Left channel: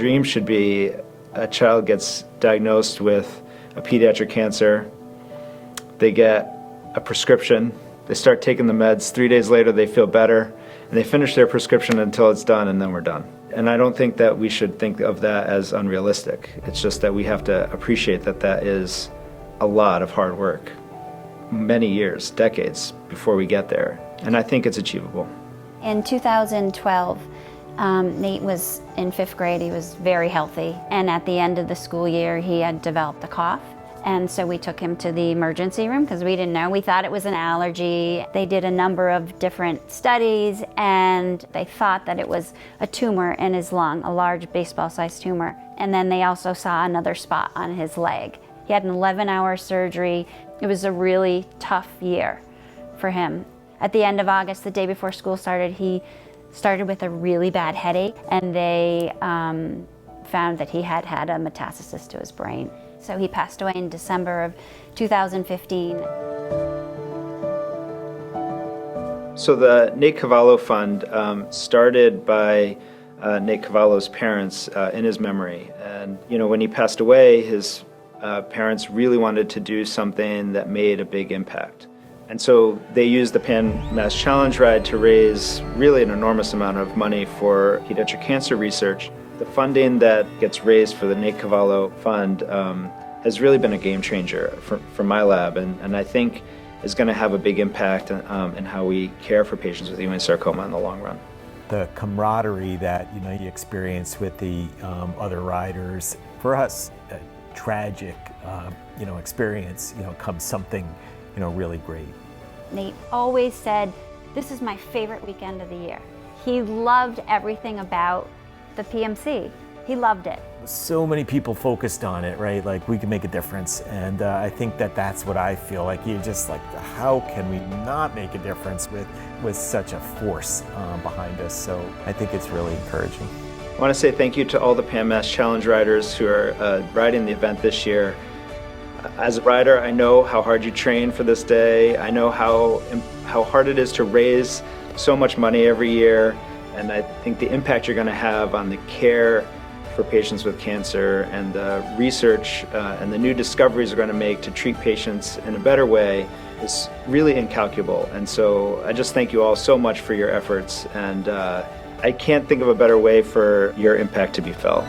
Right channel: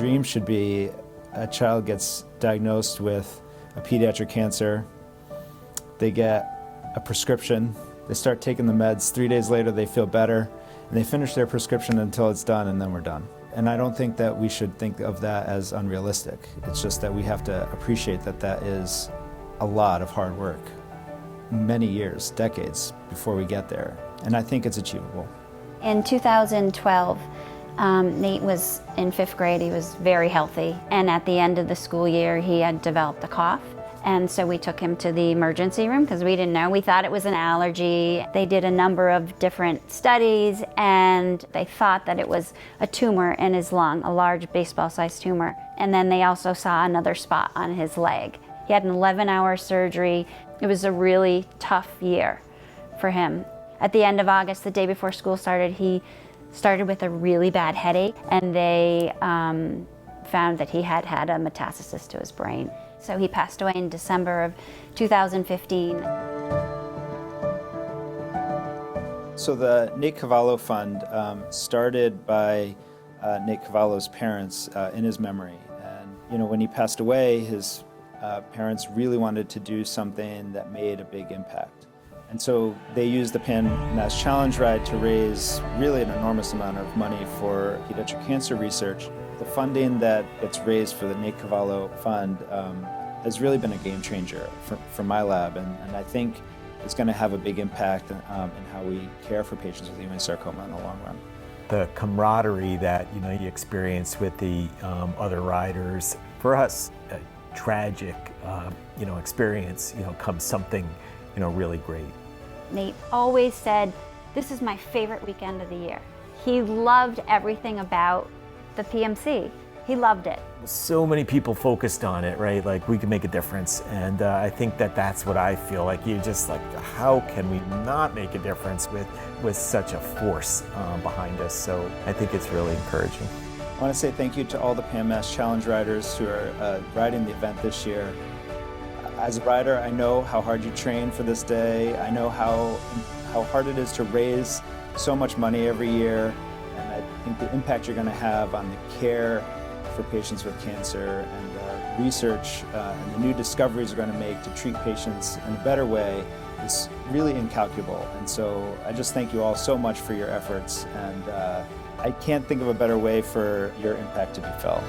dream should be a child gets diagnosed with a pediatric cancer, they get a prescription, they start taking the meds, 3 days later they feel better, and they finish their prescription until it's done, and then we're done. And I don't think that we should think of that as unrealistic. It's just that we have to appreciate that that is a lot of hard work, many years, decades before we get there. And I think it's achievable. In 2012, Nate was in 5th grade. He was very healthy. And at the end of the school year, he had developed a cough. And so we took him to the emergency room because we didn't know. We thought it was an allergy. They did a number of different studies and they thought that it was a tumor in his lung, a large baseball-sized tumor. And then they also saw another spot on his leg. He had an 11-hour surgery. It was a really tough year for him. At the end of August, the day before school started, he started with a really bad headache, and they found that he had had a metastasis to his brain. So he passed away in December of 2015. So the Nate Cavallo Fund started by Nate Cavallo's parents in his memory. And when he passed away, his parents really wanted to do something that made a big impact. And so they used the PMC Challenge Ride to raise really an enormous amount of money for pediatric cancer research. The funding that gets raised for the Nate Cavallo Fund has really been a game changer for my lab, and I think is going to have a big impact in how we care for patients with Ewing sarcoma in the long run. The camaraderie that you experience with the other riders, for us, a tragic experience, comes something really great. Nate always said, "This is my favorite weekend of the year." He loved everything about the PMC. He loved it. So many people focused on it, right? Like, we can make a difference. And I think that's what I feel like. You're just like, how can we not make a difference with such a force behind us? So I think it's really encouraging. I want to say thank you to all the PMS Challenge riders who are riding the event this year. As a rider, I know how hard you train for this day. I know how hard it is to raise so much money every year. And I think the impact you're going to have on the care for patients with cancer and the research and the new discoveries we're going to make to treat patients in a better way is really incalculable. And so I just thank you all so much for your efforts. And I can't think of a better way for your impact to be felt.